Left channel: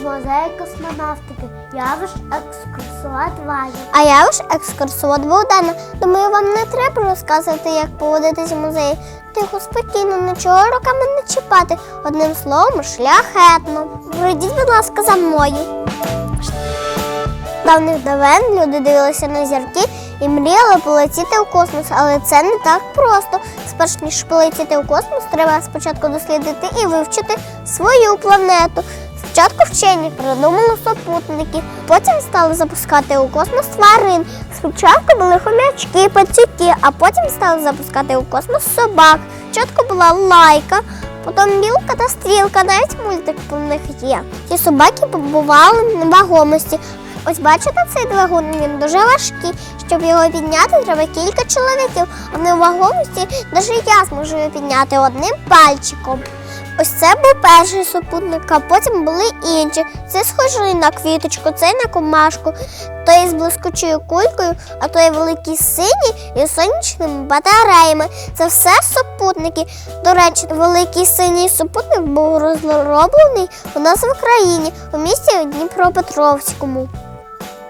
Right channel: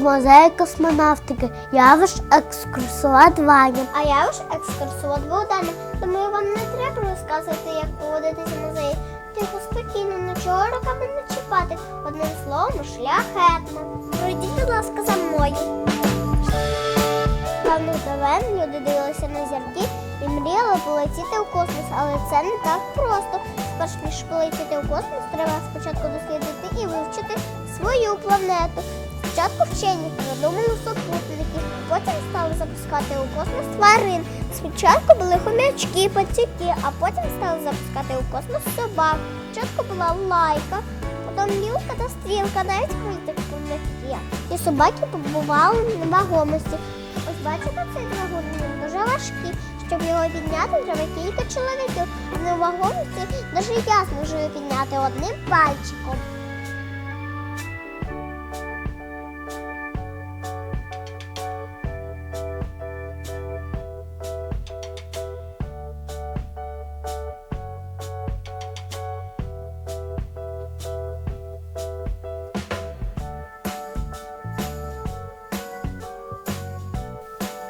в музеї космонавтики. Я ваш екскурсовод Ваня. А я ваш екскурсовод Богдана. Думаю, вам не треба розказувати, як поводитись в музеї. Тихо, спокійно, нічого руками не чіпати. Одним словом, шляхетно. Пройдіть, будь ласка, за мною. Давних давен люди дивилися на зірки і мріяли полетіти у космос, але це не так просто. Спершу ніж полетіти у космос, треба спочатку дослідити і вивчити свою планету. Спочатку вчені придумали супутники, потім стали запускати у космос тварин. Спочатку були хомячки, пацюки, а потім стали запускати у космос собак. Спочатку була лайка, потім білка та стрілка, навіть мультик про них є. Ці собаки побували на вагомості. Ось бачите цей двигун, він дуже важкий. Щоб його підняти, треба кілька чоловіків, а на вагомості навіть я зможу підняти одним пальчиком. Ось це був перший супутник, а потім були інші. Це схожий на квіточку, цей на комашку, той з блискучою кулькою, а той великий синій із сонячними батареями. Це все супутники. До речі, великий синій супутник був розроблений у нас в Україні, у місті Дніпропетровському.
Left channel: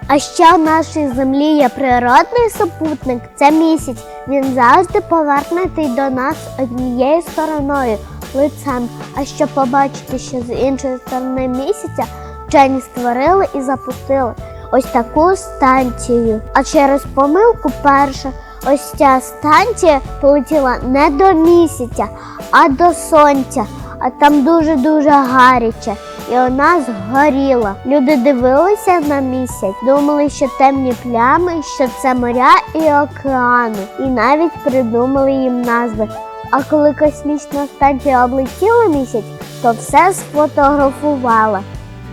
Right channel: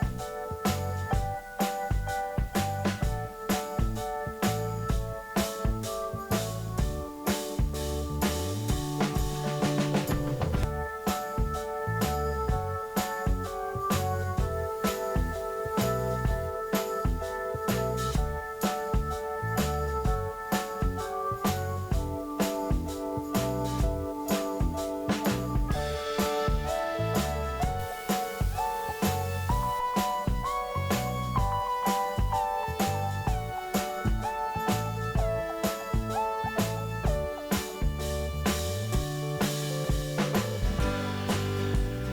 А ще в нашій землі є природний супутник це місяць. Він завжди повернутий до нас однією стороною лицем. А щоб побачити, що з іншої сторони місяця вчені створили і запустили ось таку станцію. А через помилку перша ось ця станція полетіла не до місяця, а до сонця. А там дуже-дуже гаряче. І вона згоріла. Люди дивилися на місяць, думали, що темні плями, що це моря і океани, і навіть придумали їм назви. А коли космічна станція облетіла місяць, то все сфотографувала.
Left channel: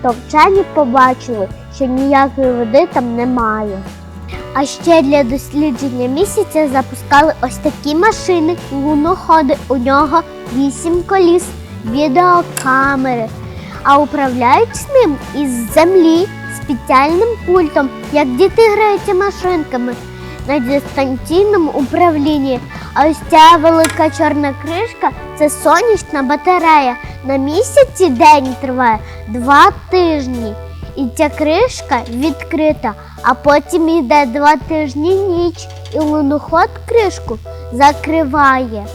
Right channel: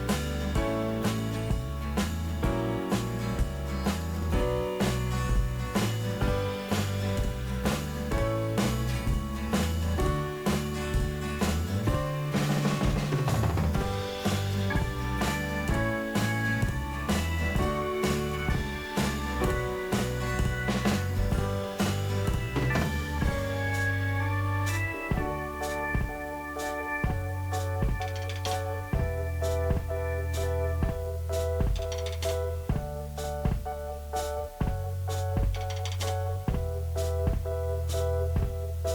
То вчені побачили, що ніякої води там немає. А ще для дослідження місяця запускали ось такі машини, луноходи. У нього вісім коліс, відеокамери. А управляють з ним із землі спеціальним пультом, як діти граються машинками на дистанційному управлінні. А ось ця велика чорна кришка це сонячна батарея. На місяці день триває два тижні. І ця кришка відкрита, а потім йде два тижні ніч, і луноход кришку закриває.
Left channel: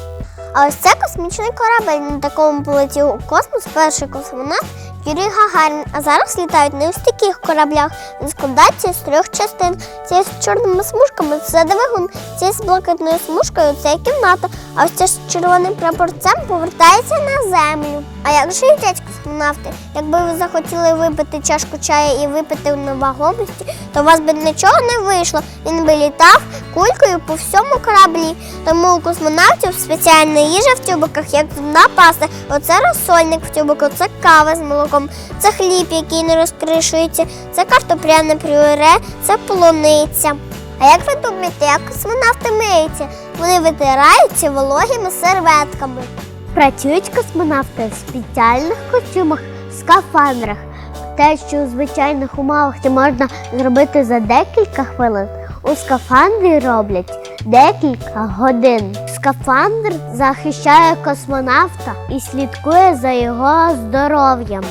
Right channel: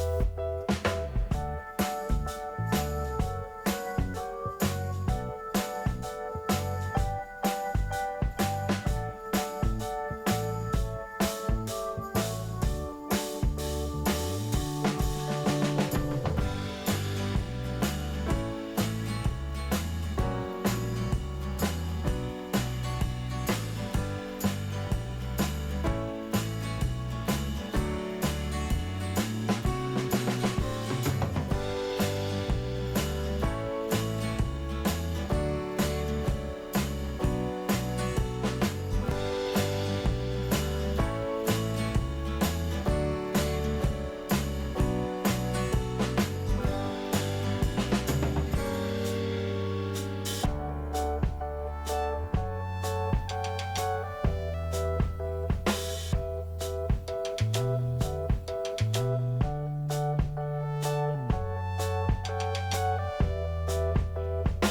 А ось це космічний корабель. На такому полетів у космос перший космонавт Юрій Гагарін. А зараз літають не ось таких кораблях. Він складається з трьох частин. Ці з чорними смужками це двигун, ці з блакитною смужкою це кімната. А ось це з червоним прапорцем повертається на землю. А як же їдять космонавти? Якби ви захотіли випити чашку чаю і випити на вагомості, то у вас би нічого не вийшло. Він би літав кулькою по всьому кораблі. Тому у космонавтів спеціальна їжа в тюбиках, як зубна паста. Оце розсольник в тюбику, це кава з молоком, це хліб, який не розкришується, це картопляне пюре, це полуниця. А як ви думаєте, як космонавти миються? Вони витираються вологими серветками. Працюють космонавти в спеціальних костюмах, скафандрах. Те, що у звичайних умовах це можна зробити за декілька хвилин, у скафандрі роблять декілька годин. Скафандр захищає космонавта і слідкує за його здоров'ям.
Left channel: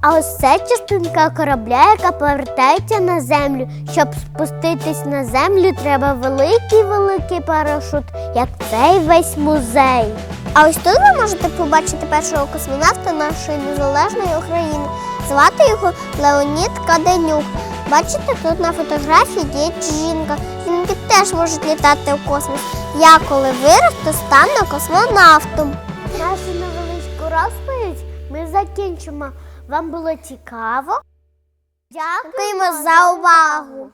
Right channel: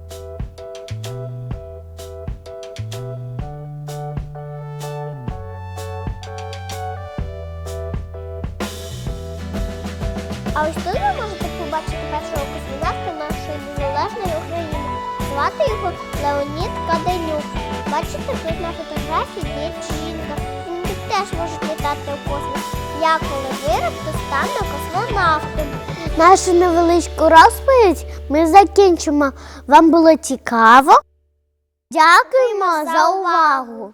А ось це частинка корабля, яка повертається на землю. Щоб спуститись на землю, треба великий-великий парашут, як цей весь музей. А ось тут ви можете побачити першого космонавта нашої незалежної України. Звати його Леонід Каденюк. Бачите, тут на фотографії є жінка. Теж можуть літати у космос. Я коли виросту, стану космонавтом. Нашу невеличку розповідь ми закінчимо. Вам було цікаво? Дякуємо за увагу!